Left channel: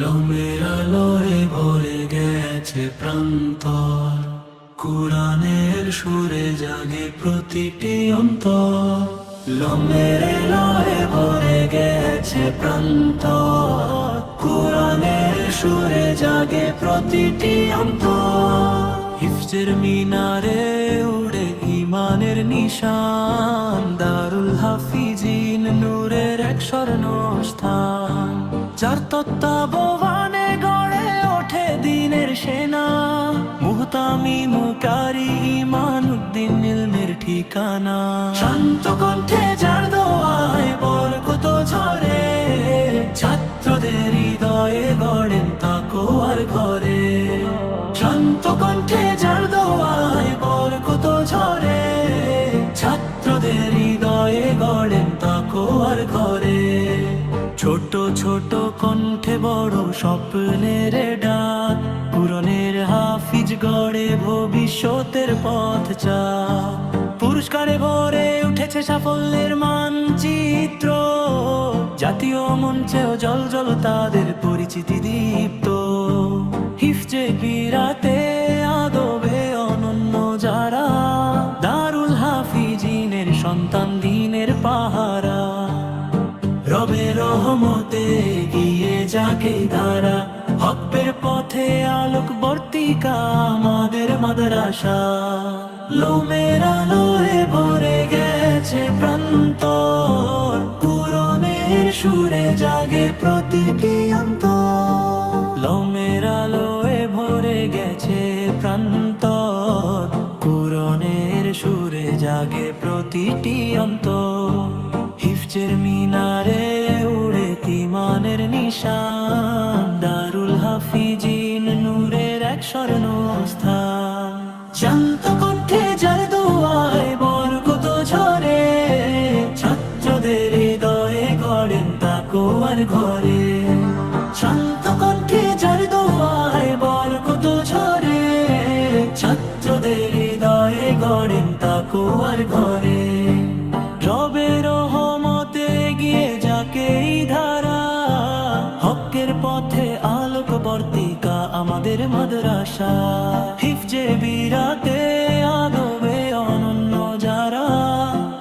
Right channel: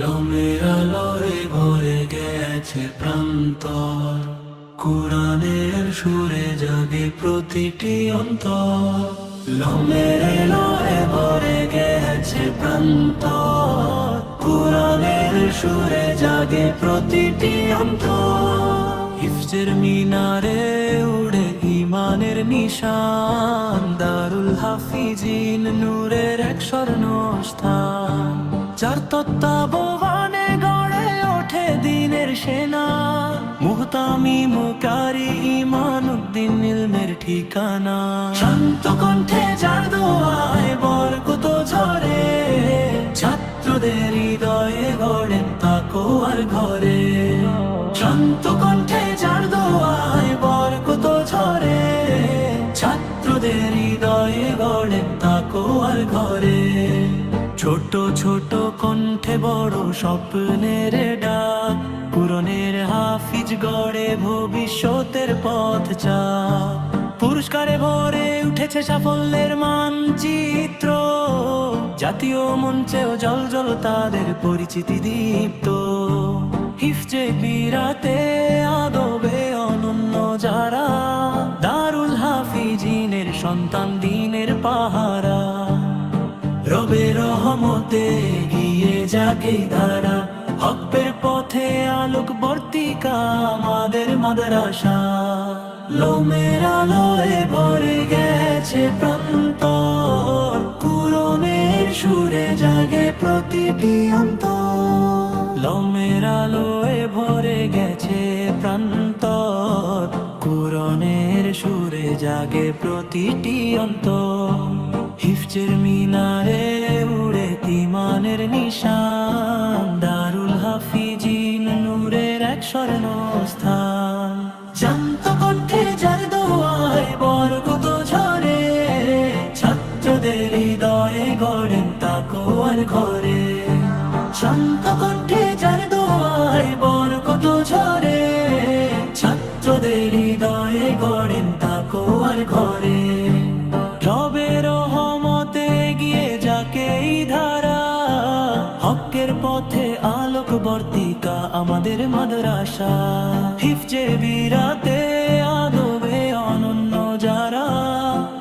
লোমের আলোয় ভরে গেছে প্রান্তর, কুরআনের সুরে জাগে প্রতিটি অন্তর। লোমের আলোয় ভরে গেছে প্রান্তর, কুরআনের সুরে জাগে প্রতিটি অন্তর। হিফজের মিনারে উড়ে ইমানের নিশান, দারুল হাফিজিন নূরের এক স্বর্ণ স্থান। যার তত্ত্বাবধানে গড়ে ওঠে দিনের সেনা, মুহতামি মুকারি ইমানুদ্দিন ইলমের ঠিকানা। শান্ত কণ্ঠে যার দোয়ায় বরকত ঝরে, ছাত্রদের হৃদয়ে গড়েন তাকওয়ার ঘরে। শান্ত কণ্ঠে যার দোয়ায় বরকত ঝরে, ছাত্রদের হৃদয়ে গড়েন তাকওয়ার ঘরে। ছোট ছোট কণ্ঠে বড় স্বপ্নের ডাক, কুরআনের হাফিজ গড়ে ভবিষ্যতের পথ চাক। পুরস্কারে ভরে উঠেছে সাফল্যের মানচিত্র, জাতীয় মঞ্চেও জল তাদের পরিচিতি দীপ্ত। হিফজে বিরাতে আদবে অনন্য যারা, দারুল হাফিজিনের সন্তান দিনের পাহারা। রবের রহমতে গিয়ে যাকে ধারা, হকের পথে আলোক বর্তিকা আমাদের মাদ্রাসা। লোমের আলোয় ভরে গেছে প্রান্তর, কুরআনের সুরে জাগে প্রতিটি অন্তর। লোমের আলোয় ভরে গেছে প্রান্তর, কুরআনের সুরে জাগে প্রতিটি অন্তর। হিফজের মিনারে উড়ে ইমানের নিশান, দারুল হাফিজিন নূরের এক স্বর্ণ স্থান। শান্ত কণ্ঠে যার দোয়ায় বরকত ঝরে, ছাত্রদের হৃদয়ে গড়েন তাকওয়ার ঘরে। শান্ত কণ্ঠে যার দোয়ায় বরকত ঝরে, ছাত্রদের হৃদয়ে গড়েন তাকওয়ার ঘরে। রবের রহমতে গিয়ে যাকে ধারা, হকের পথে আলোক বর্তিকা আমাদের মাদ্রাসা। হিফজে বিরাতে আদবে অনন্য যারা,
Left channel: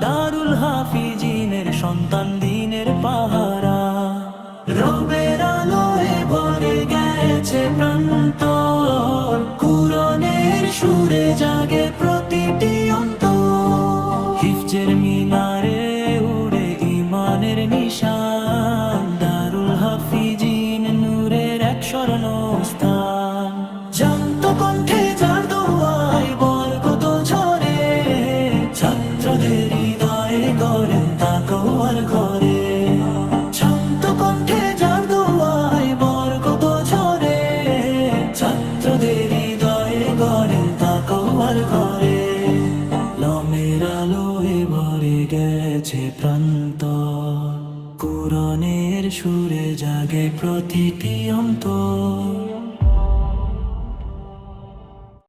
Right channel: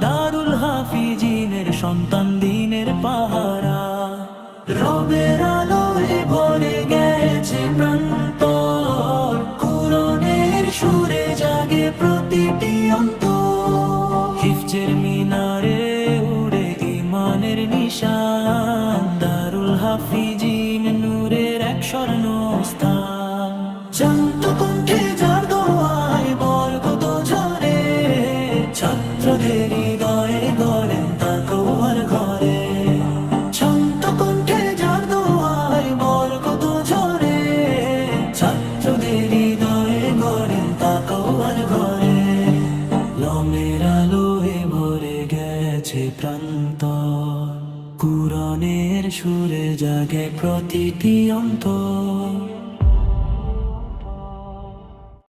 দারুল হাফিজিনের সন্তান দিনের পাহারা। রবের আলোয় ভরে গেছে প্রান্তর, কুরআনের সুরে জাগে প্রতিটি অন্তর। হিফজের মিনারে উড়ে ইমানের নিশান, দারুল হাফিজিন নূরের এক স্বর্ণ স্থান। শান্ত কণ্ঠে যার দোয়ায় বরকত ঝরে, ছাত্রদের হৃদয়ে গড়েন তাকওয়ার ঘরে। শান্ত কণ্ঠে যার দোয়ায় বরকত ঝরে, ছাত্রদের হৃদয়ে গড়েন তাকওয়ার ঘরে। লোমের আলোয় ভরে গেছে প্রান্তর, কুরআনের সুরে জাগে প্রতিটি অন্তর।